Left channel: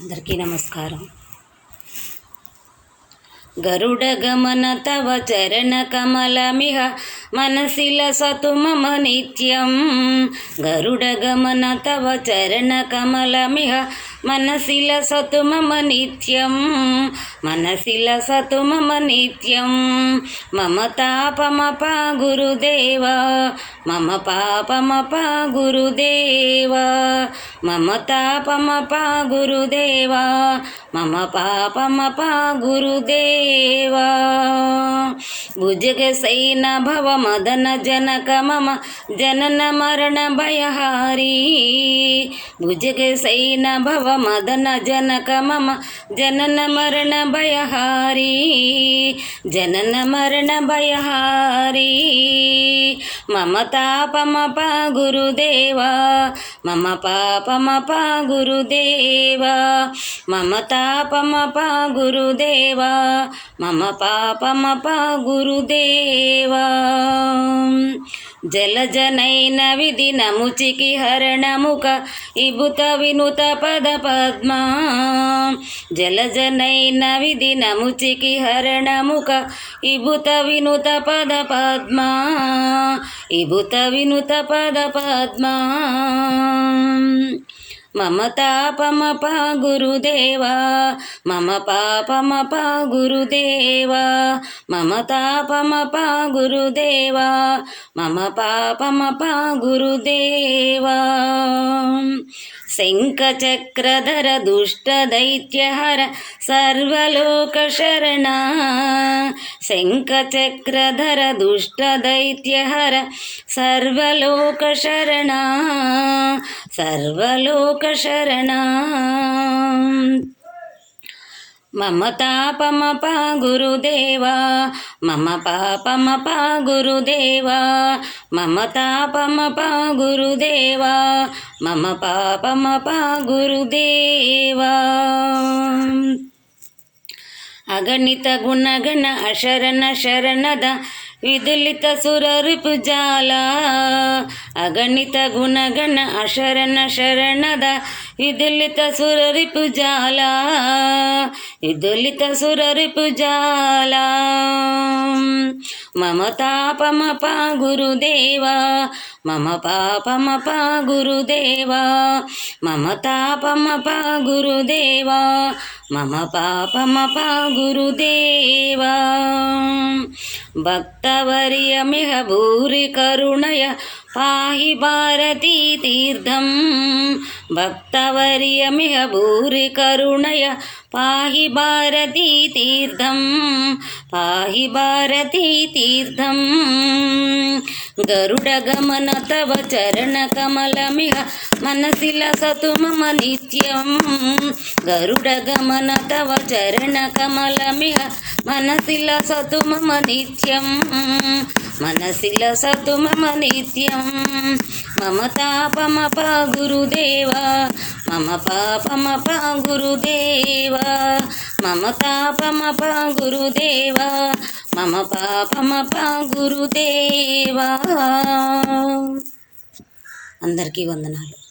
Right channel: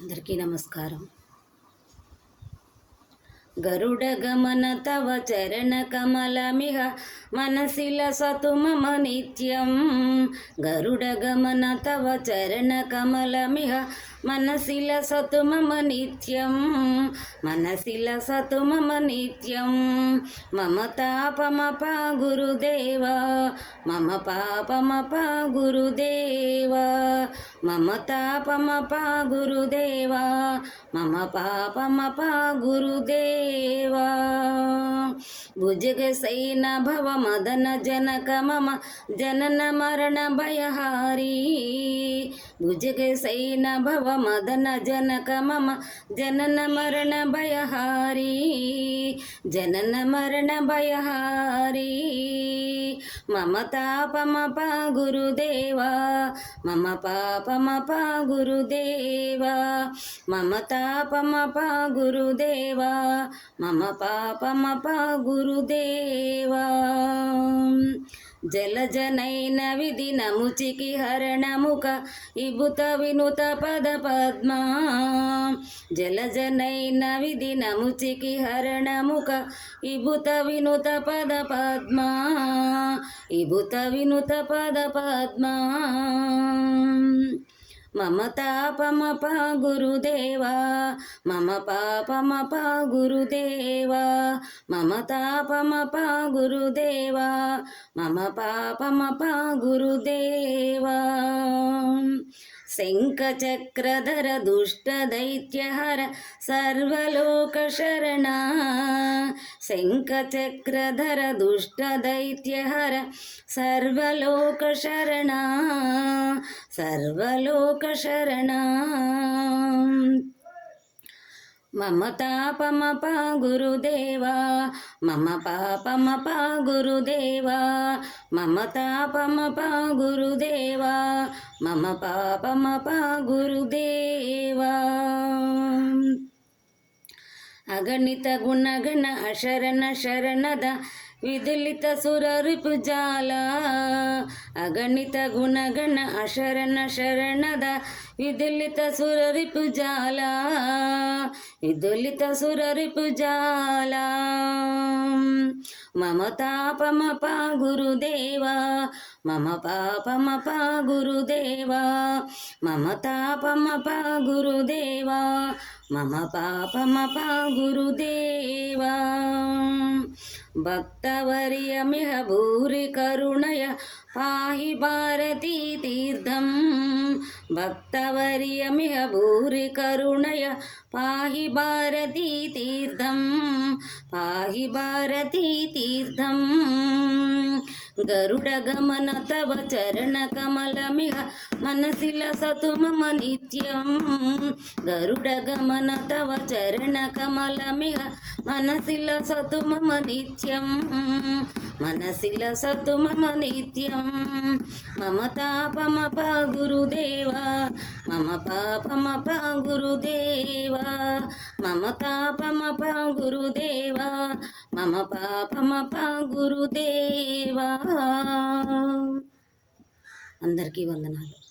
అందరికీ నమస్కారం. గరుడ గమన తవ చరణ కమలమిహ మనసిల సతు మమ నిత్యం. గరుడ గమన తవ చరణ కమలమిహ మనసిల సతు మమ నిత్యం. మనసిల సతు మమ నిత్యం. మమ తాపమప గురుదేవ మమ పాపమప గురుదేవ. మమ తాపమప గురుదేవ మమ పాపమప గురుదేవ. భుజగ సైన భవ మదన జనక మమ జనన మరణ భయహారీ. భుజగ సైన భవ మదన జనక మమ జనన మరణ భయహారీ. జనన మరణ భయహారీ. మమ తాపమప గురుదేవ మమ పాపమప గురుదేవ. మమ తాపమప గురుదేవ మమ పాపమప గురుదేవ. జలజనైన విధినముచికి హరణముఖ ఇబుత వినుత పద పద్మ. జలజనైన విధినముచికి హరణముఖ ఇబుత వినుత పద పద్మ. ఇబుత వినుత పద పద్మ. మమ తాపమప గురుదేవ మమ పాపమప గురుదేవ. మమ తాపమప గురుదేవ మమ పాపమప గురుదేవ. శంఖచక్రధర దుష్ట దైత్యహర సర్వలోక శరణ. శంఖచక్రధర దుష్ట దైత్యహర సర్వలోక శరణ. సర్వలోక శరణ. మమ తాపమప గురుదేవ మమ పాపమప గురుదేవ. మమ తాపమప గురుదేవ మమ పాపమప గురుదేవ. అగణిత గుణగణ అశరణ శరణద విదులిత సురరిపుజాల. అగణిత గుణగణ అశరణ శరణద విదులిత సురరిపుజాల. విదులిత సురరిపుజాల. మమ తాపమప గురుదేవ మమ పాపమప గురుదేవ. మమ తాపమప గురుదేవ మమ పాపమప గురుదేవ. భక్తవర్యమిహ భూరి కరుణయ పాహి భారతీ తీర్థం. భక్తవర్యమిహ భూరి కరుణయ పాహి భారతీ తీర్థం. పాహి భారతీ తీర్థం. గరుడ గమన తవ చరణ కమలమిహ మనసిల సతు మమ నిత్యం. గరుడ గమన తవ చరణ కమలమిహ మనసిల సతు మమ నిత్యం. మనసిల సతు మమ నిత్యం. మమ తాపమప గురుదేవ మమ పాపమప గురుదేవ. మమ తాపమప గురుదేవ మమ పాపమప గురుదేవ. అందరికీ వందనాలు.